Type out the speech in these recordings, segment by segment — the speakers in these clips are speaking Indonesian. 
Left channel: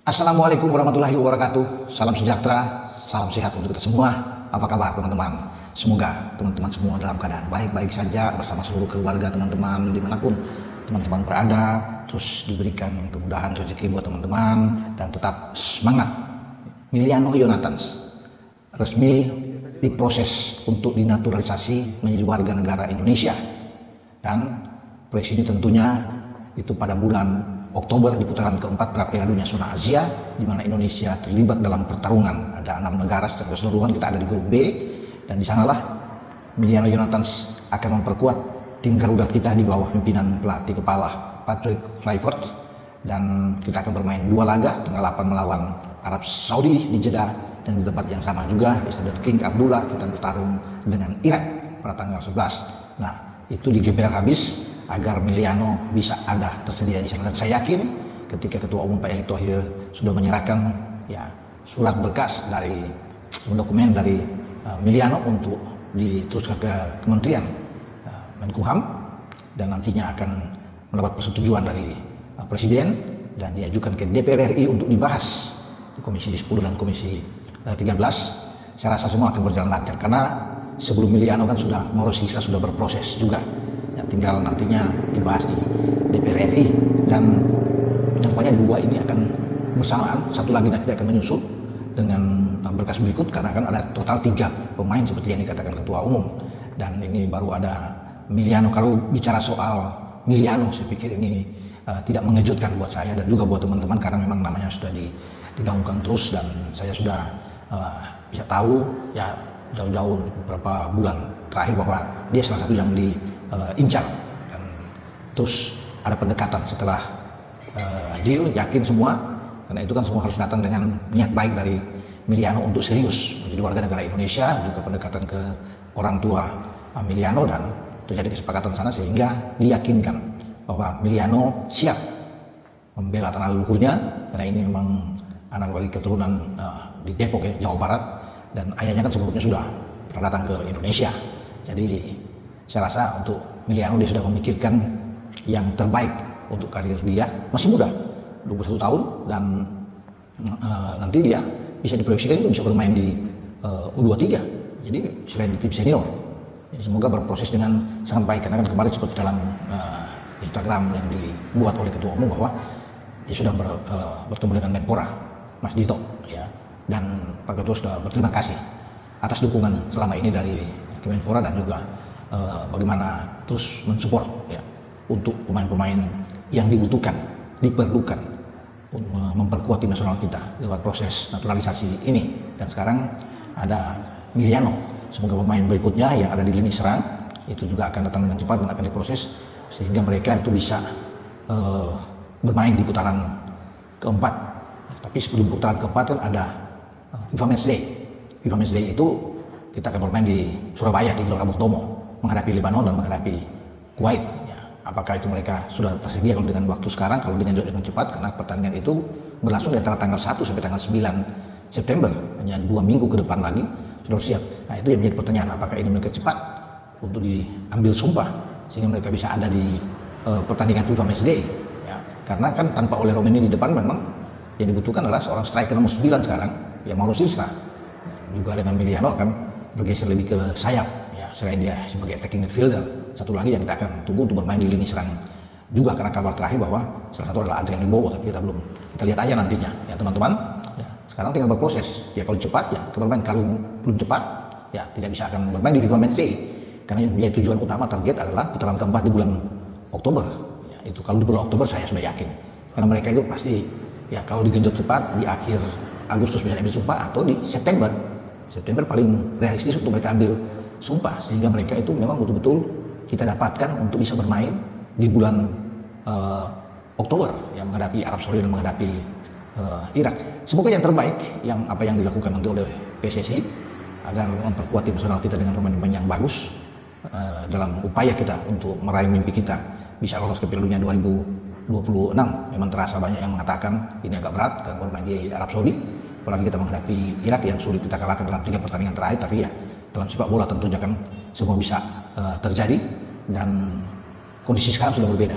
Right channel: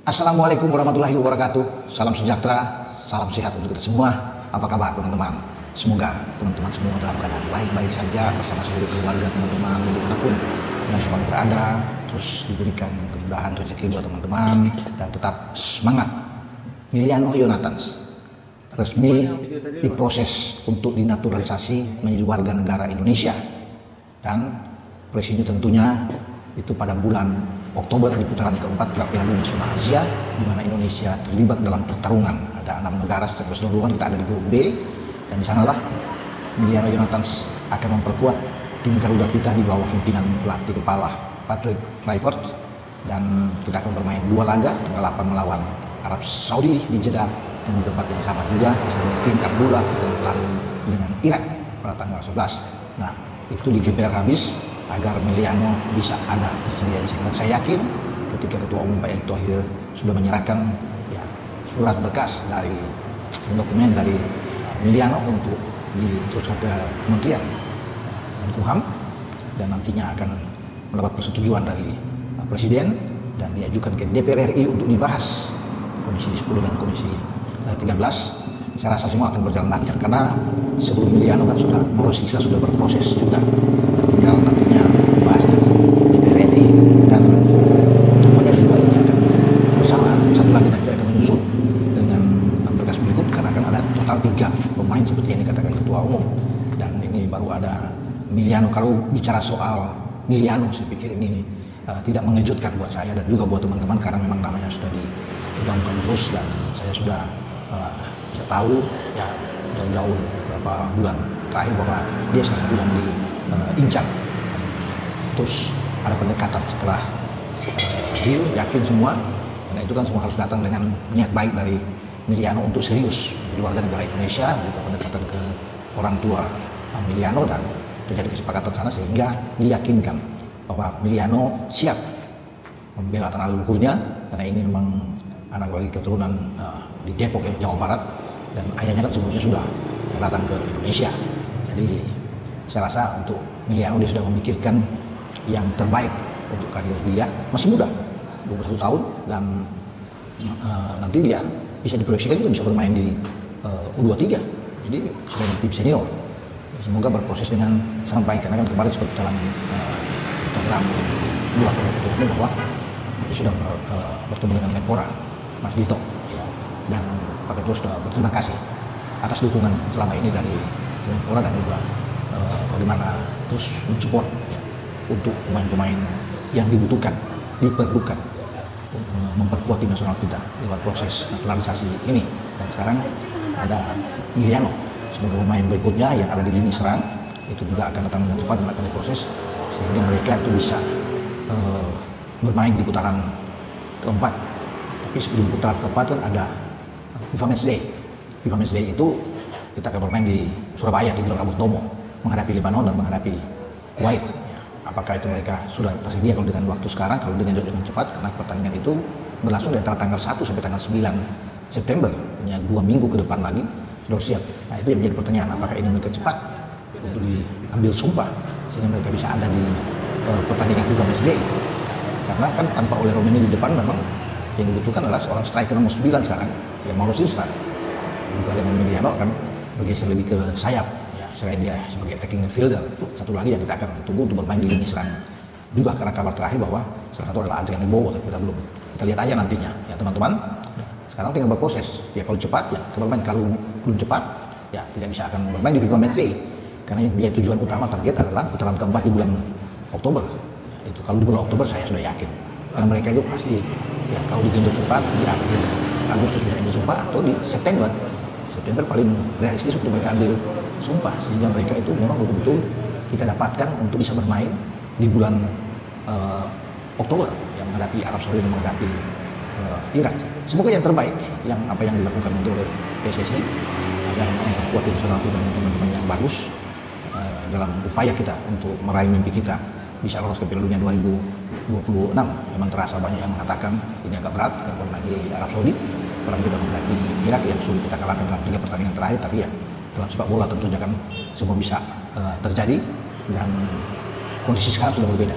Assalamualaikum warahmatullahi wabarakatuh. Salam sejahtera, salam sehat untuk kita semua. Apa kabar teman-teman? Semoga teman-teman semua dalam keadaan baik-baik saja bersama seluruh keluarga teman-teman dimanapun teman-teman berada. Terus diberikan kemudahan rezeki buat teman-teman dan tetap semangat. Miliano Yonathans resmi diproses untuk dinaturalisasi menjadi warga negara Indonesia, dan presiden tentunya itu pada bulan Oktober di putaran keempat Piala Dunia Zona Asia, di mana Indonesia terlibat dalam pertarungan. Ada 6 negara secara keseluruhan, kita ada di grup B, dan di sanalah Miliano Yonathans akan memperkuat tim Garuda kita di bawah pimpinan pelatih kepala Patrick Kluivert, dan kita akan bermain 2 laga, tanggal 8 melawan Arab Saudi di Jeddah, dan di tempat yang sama juga tim Abdullah bertarung dengan Irak pada tanggal 11. Nah, itu digeber habis agar Miliano bisa ada tersedia. Saya yakin ketika Ketua Umum Pak Erick Thohir sudah menyerahkan surat berkas dari dokumen dari Miliano untuk diteruskan ke Kementerian Menkumham, dan nantinya akan mendapat persetujuan dari Presiden dan diajukan ke DPR RI untuk dibahas Komisi 10 dan Komisi 13. Saya rasa semua akan berjalan lancar karena sebelum Miliano kan sudah berproses juga, dan tinggal nantinya dibahas di DPR RI, dan tampaknya kedua ini akan bersama satu lagi nanti akan menyusul dengan berkas berikut, karena akan ada total 3 pemain seperti yang dikatakan Ketua Umum, dan ini baru ada Miliano. Kalau bicara soal Miliano, saya pikir ini tidak mengejutkan buat saya dan juga buat teman-teman, karena memang namanya sudah digaungkan terus, dan saya sudah bisa tahu ya jauh-jauh beberapa bulan terakhir bahwa dia salah satu yang diincar. Terus ada pendekatan setelah dia yakin semua, karena itu kan semua harus datang dengan niat baik dari Miliano untuk serius menjadi warga negara Indonesia, dan pendekatan ke orang tua Miliano, dan terjadi kesepakatan sana sehingga diyakinkan bahwa Miliano siap membela tanah leluhurnya, karena ini memang anak dari keturunan di Depok, Jawa Barat, dan ayahnya kan sebelumnya sudah datang ke Indonesia. Jadi saya rasa untuk Miliano dia sudah memikirkan yang terbaik untuk karir dia. Masih muda, 21 tahun, dan nanti dia bisa diproyeksikan itu bisa bermain di U23, jadi sebagai tim senior. Semoga berproses dengan sangat baik, karena kan kemarin seperti dalam Instagram dibuat oleh Ketua Umum bahwa dia sudah bertemu dengan Menpora Mas Dito, ya, dan Pak Ketua sudah berterima kasih atas dukungan selama ini dari Menpora, dan juga bagaimana terus mensupport ya untuk pemain-pemain yang dibutuhkan, diperlukan untuk memperkuat tim nasional kita lewat proses naturalisasi ini. Dan sekarang ada Miliano sebagai pemain berikutnya yang ada di lini serang, itu juga akan datang dengan cepat dan akan diproses sehingga mereka itu bisa bermain di putaran keempat. Tapi sebelum putaran keempat ada FIFA Matchday. FIFA Matchday itu kita akan bermain di Surabaya di Gelora Bung Tomo, menghadapi Lebanon dan menghadapi Kuwait. Apakah itu mereka sudah tersedia kalau dengan waktu sekarang, kalau dengan cepat, karena pertandingan itu berlangsung dari tanggal 1 sampai tanggal 9 September, hanya 2 minggu ke depan lagi sudah siap. Nah, itu yang menjadi pertanyaan, apakah ini mereka cepat untuk diambil sumpah sehingga mereka bisa ada di pertandingan FIFA Matchday. Karena kan tanpa oleh Romeni di depan memang yang dibutuhkan adalah seorang striker nomor 9 sekarang, yang Mauro Sisa. Juga dengan Miliano kan bergeser lebih ke sayap, ya, selain dia sebagai attacking midfielder. Satu lagi yang kita akan tunggu untuk bermain di lini serang. Juga karena kabar terakhir bahwa salah satu adalah Adrian Wibowo, kita lihat aja nantinya ya teman-teman. Sekarang tinggal berproses, ya kalau cepat ya bermain, kalau belum cepat ya tidak bisa akan bermain di FIFA Matchday, karena dia tujuan utama target adalah putaran keempat di bulan Oktober. Ya, itu kalau di bulan Oktober saya sudah yakin, dan mereka itu pasti ya kalau digenjot cepat di akhir Agustus mereka ambil sumpah, atau di September paling realistis untuk mereka ambil sumpah, sehingga mereka itu memang betul-betul kita dapatkan untuk bisa bermain di bulan Oktober yang menghadapi Arab Saudi dan menghadapi Irak. Semoga yang terbaik, yang apa yang dilakukan oleh PSSI agar memperkuat tim nasional kita dengan pemain-pemain yang bagus dalam upaya kita untuk meraih mimpi kita bisa lolos ke Piala Dunia 2026. Memang terasa banyak yang mengatakan ini agak berat karena lagi Arab Saudi, kalau kita menghadapi Irak yang sulit kita kalahkan dalam 3 pertandingan terakhir. Tapi ya dalam sepak bola tentu kan semua bisa terjadi, dan kondisi sekarang sudah berbeda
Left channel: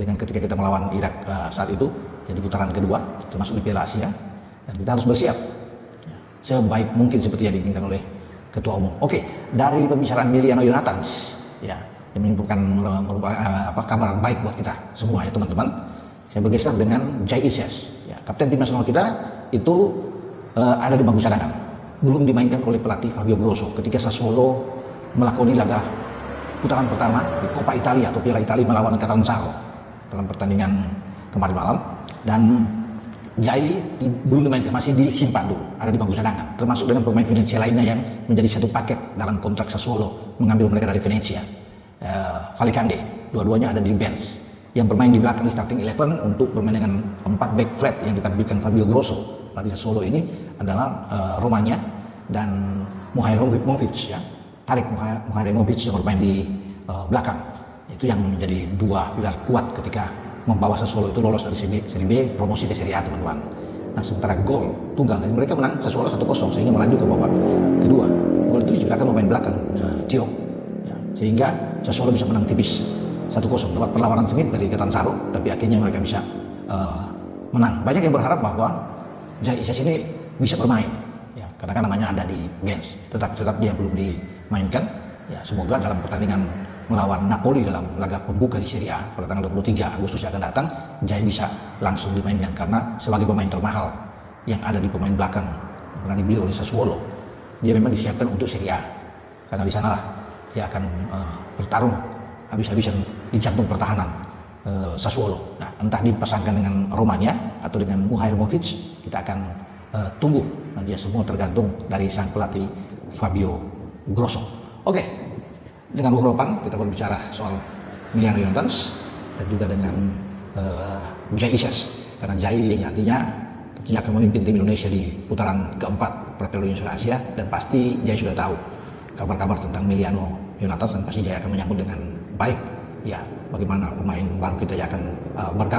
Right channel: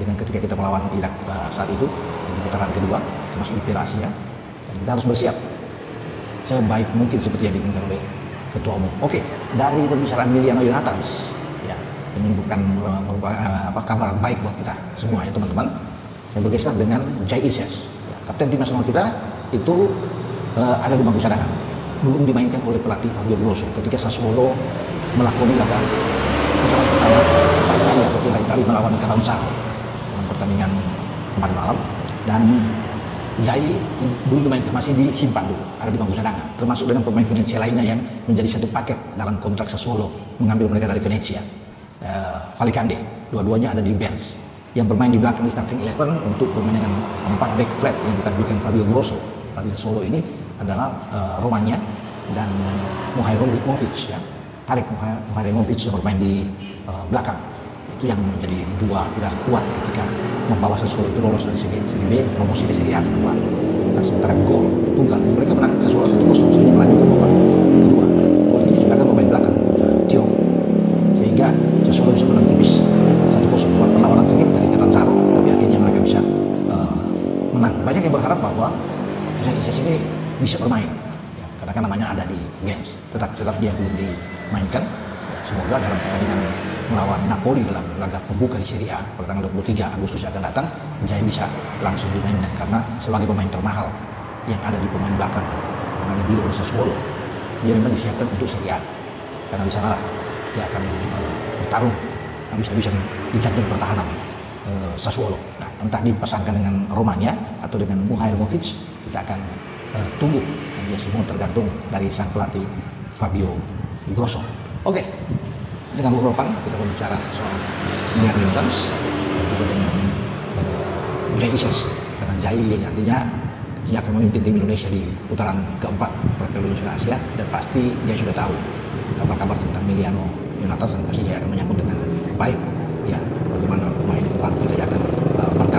dengan ketika kita melawan Irak saat itu di putaran kedua. termasuk di Piala Asia. Dan kita harus bersiap sebaik mungkin seperti yang diinginkan oleh Ketua Umum. Oke, dari pembicaraan Emiliano Yonatans, ya, yang menyebutkan kabar baik buat kita semua ya teman-teman. Saya bergeser dengan Jai Isyas, ya, kapten tim nasional kita itu ada di bangku cadangan, belum dimainkan oleh pelatih Fabio Grosso ketika Sassuolo melakoni laga putaran pertama Italia berulang kali melawan Catalunya dalam pertandingan kemarin malam, dan Jai belum dimainkan, masih disimpan ada di bangku cadangan, termasuk dengan pemain Venezia lainnya yang menjadi satu paket dalam kontrak Sassuolo mengambil mereka dari Venezia. Valicante, dua-duanya ada di bench. Yang bermain di belakang di starting 11 untuk permainan 4 back flat yang ditampilkan Fabio Grosso pada Solo ini adalah Romanya dan Mihajlovic, ya. Tarik Mihajlovic yang bermain di belakang. Itu yang menjadi dua pilar kuat ketika membawa Sassuolo itu lolos dari Serie B, promosi ke Serie A, teman-teman. Nah, sementara gol tunggal mereka menang Sassuolo 1-0 sehingga melaju ke babak kedua. Gol itu juga kan pemain belakang Tio, sehingga Sassuolo bisa menang tipis 1-0 lewat perlawanan sengit dari Catanzaro, tapi akhirnya mereka bisa menang. Banyak yang berharap bahwa Jai Isyas ini bisa bermain, ya, karena kan namanya ada di bench, tetap dia belum dimainkan. Ya, semoga dalam pertandingan melawan Napoli dalam laga pembuka di Serie A pada tanggal 23 Agustus yang akan datang, Jai bisa langsung dimainkan karena sebagai pemain termahal yang ada di pemain belakang karena dibeli oleh Sassuolo, dia memang disiapkan untuk Serie A karena di sana dia akan bertarung habis-habisan di jantung pertahanan Sassuolo. Nah, entah dipasangkan dengan Romanya atau dengan Mihajlovic, kita akan tunggu. Ya, semua tergantung dari sang pelatih Fabio Grosso. Oke, dengan beberapa kita berbicara soal Emiliano Yonatans dan juga dengan Jai Isyas, karena Jai nantinya dia akan memimpin tim Indonesia di putaran keempat Piala Asia, dan pasti Jai sudah tahu kabar-kabar tentang Emiliano Yonatans, dan pasti Jai akan menyambut dengan baik, ya, bagaimana pemain kita akan bertanding